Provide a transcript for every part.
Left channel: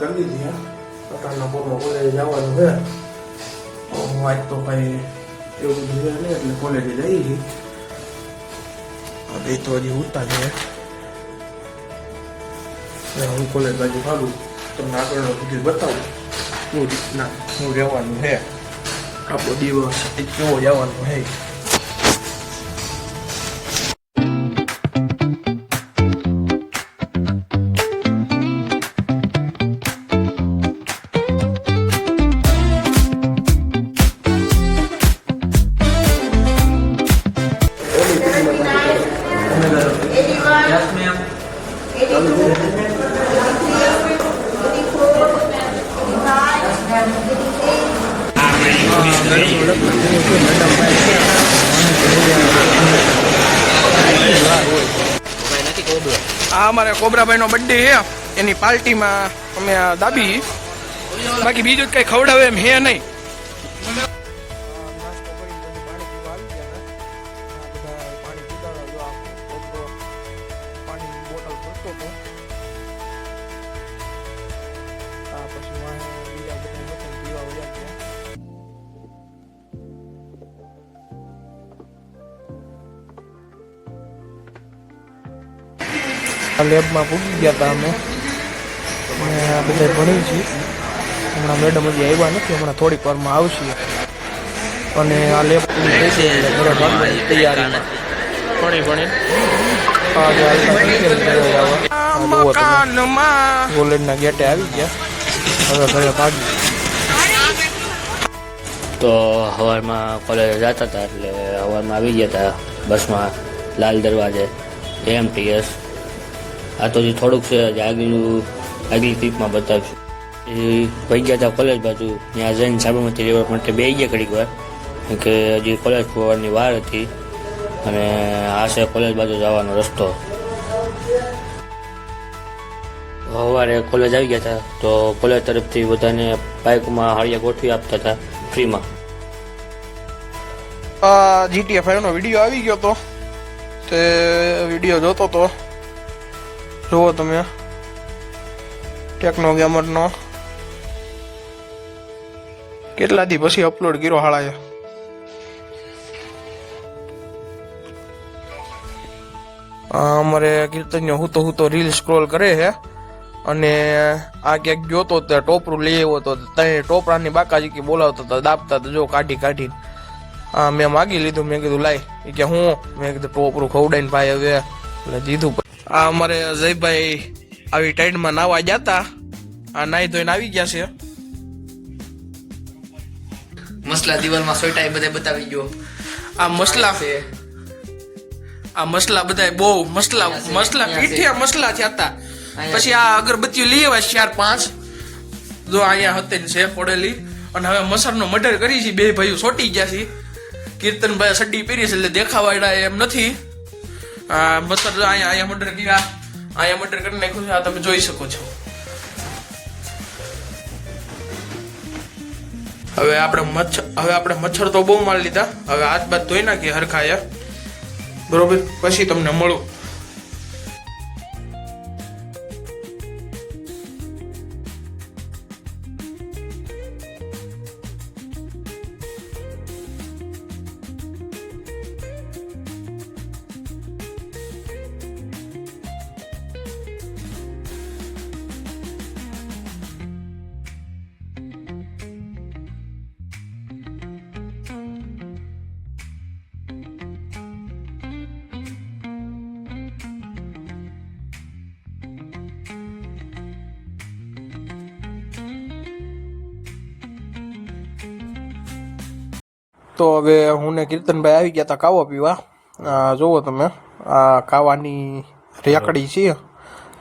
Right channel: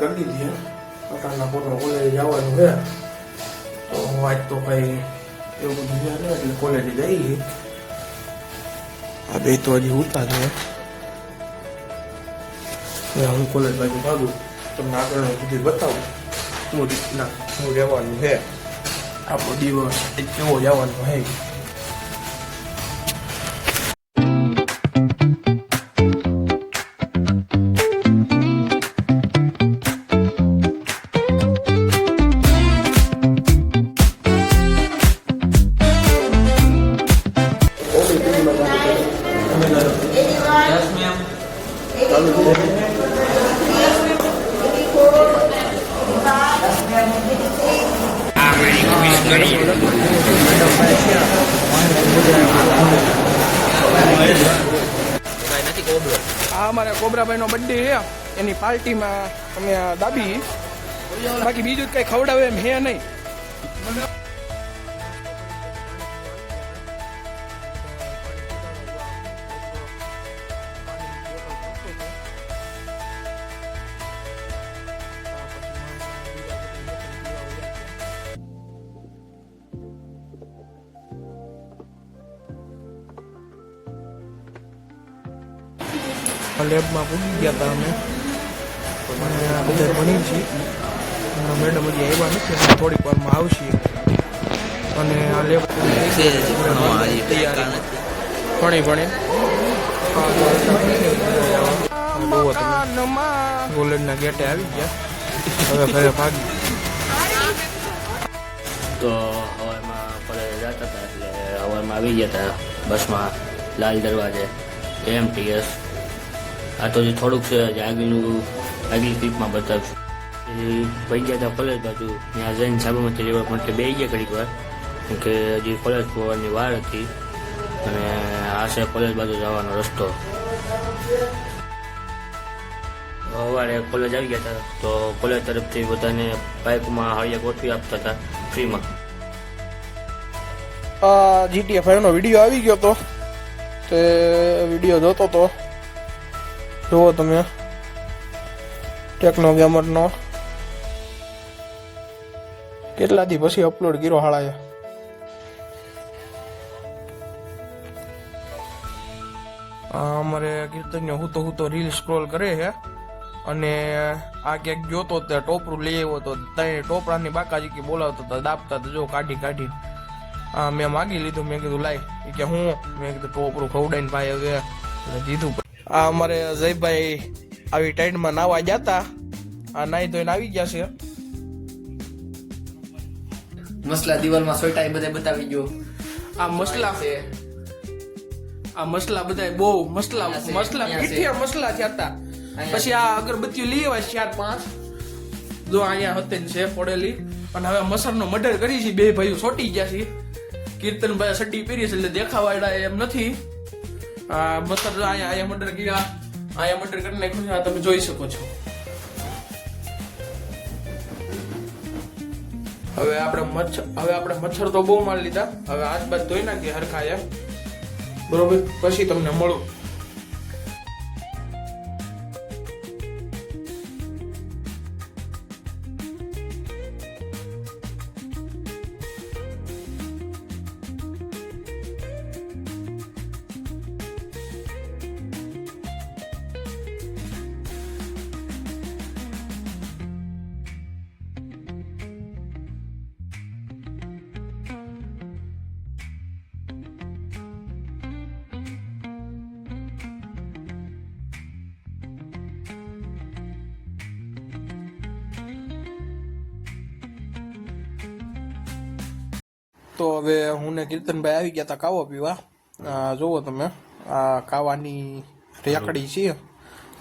कर लीधी है अटाणा पूरा कॉलेज जवानुं है तो आज तो भाई એવું બધું છે ને એટલે કોલેજે જઈ આ બે તો હજી હોતા છે હું કોલેજ બાજુ ભાગું તો આગળનો બધું બતાવું શું રીતના શું રહેવાનું છે આપણો દિવસ એ કેવો જવાનું છે આ અમારે કોબરાભાઈનો બર્થડે છે એની પાર્ટીમાં અમે દાબી બાકી બીજું કઈ ખવડાવે એમ હે નહીં લેબમાં પૂગી ગયા હતા અમે બધા ભણી છીએ હમણાં મેડમ હજી આવ્યા નથી હમણાં થોડીક વારમાં આવશે અને આ લેબ પૂરી થઈ ગઈ એટલે ઘરે ભાગવાની તૈયારીમાં કોલેજના ગેટે આવી ગયા હવે ઘરે ભાગી તો સવારમાં કોલેજ જતા હતા એટલે સવારમાં આવી ગયા હતા બસમાં લાલ દરવાજે AMTS આ તો જે થોડુંક છે આગલી ક્લિપમાં બતાવશું એ ભાઈ ગયા હતા કોલેજ બાજુ ત્યાં જઈને સાબરમતી રિવર માટે બે ગયા ઘડીક વાર કે હજી કોલેજ ખોલવાની વાર હતી અને આ છે કોલેજ બાજુ જવાનો રસ્તો સવારે કોલેજ આવી ગયા હતા તો કોલેજ તરફથી બધાને બાઇકમાં હાળિયા ગોઠવી આપતા હતા ફ્રીમાં GTA 5 નો વિડીયો આવી ગયો તો તે વિડીયો જોતો તો જુઓ તમે ટેકનો ગેમરનો કેટલા દી પછી અપલોડ કર્યો હાળાએ અમારે કીર્તનીય હું તો રીલ સ્ક્રોલ કરે છે અને આ ક્યાંક જોતો ત્યાં ટોપરું લઈ આવ્યો તો ત્યાં ટોપરાની બાકાજી કે બોલાવતો હતા દાબતા હતા જો કાઢી હા મેં માગી લીધું મેં કીધું લાય કે હું મેં કીધું ટોપરું ખવડાવીને ભાઈ હવે એટલે દીધું આ અમારે જયભાઈ આવી ટાઈડમાં નાવા જતા આ નાઈ ધોઈને આવી ગયા છે મસલા દિવાલમાં સોટા બધે બતાવી ગયો આ મસલા છે આ મસલા બધા બહુ મસલા પીઠિયા મસલા થયા હતા પછી આ અગરબત્તીઓ લઈ આવ્યા 4-5 જો અહીંયા હતી છે પડેલી અને હવે મસરનો મર્ડર કરી છે બે ભાઈઓ સોટી ગયા છે કીર્તનભાઈ સડી પહેરી છે એટલે દેખાવાડા એમ નથી આ મસર અહીંયા મર્ડર કર્યા અહીંયા મર્ડર કરી નાખ્યું છે આ તમે જોઈ શકો છો હવે આપણે મચ્છર તો બહુ મારી લીધા હવે હાથ બાદ ધોઈ નાખીએ હરખાયા બરોબર પછી તમને મળું તો હવે હું ને કીર્તનભાઈ આવી ગયા હતા કાવો પીવા જુઓ તમે આ કાવાની રેકડી છે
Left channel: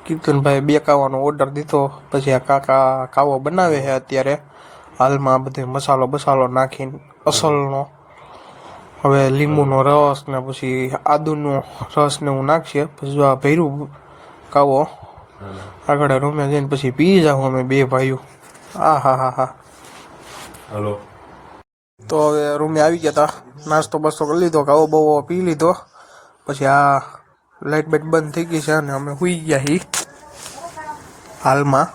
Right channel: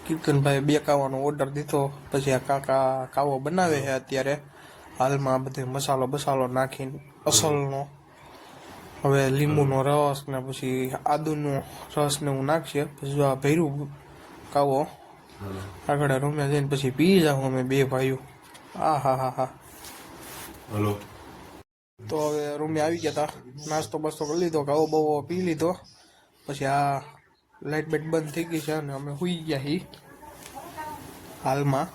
કીર્તનભાઈ 2 કાવાનો ઓર્ડર દીધો પછી આ કાકા કાવો બનાવે છે અત્યારે હાલમાં બધે મસાલો નાખીને અસલનો હવે લીંબુનો રસ ને પછી આદુનો રસ ને હું નાખશે પછી આ ભૈરું કાવો આગળ રૂમે જઈને પછી પી જાઉં અમે 2 ભાઈઓ હા હલો તો હવે રૂમે આવી ગયા હતા નાસ્તો બસ્તો કરી લીધો કાવો બહુ પી લીધો પછી આ લાઇટ બાઇટ બંધ થઈ ગઈ છે અને અમે સુઈ ગયા છીએ હાલમાં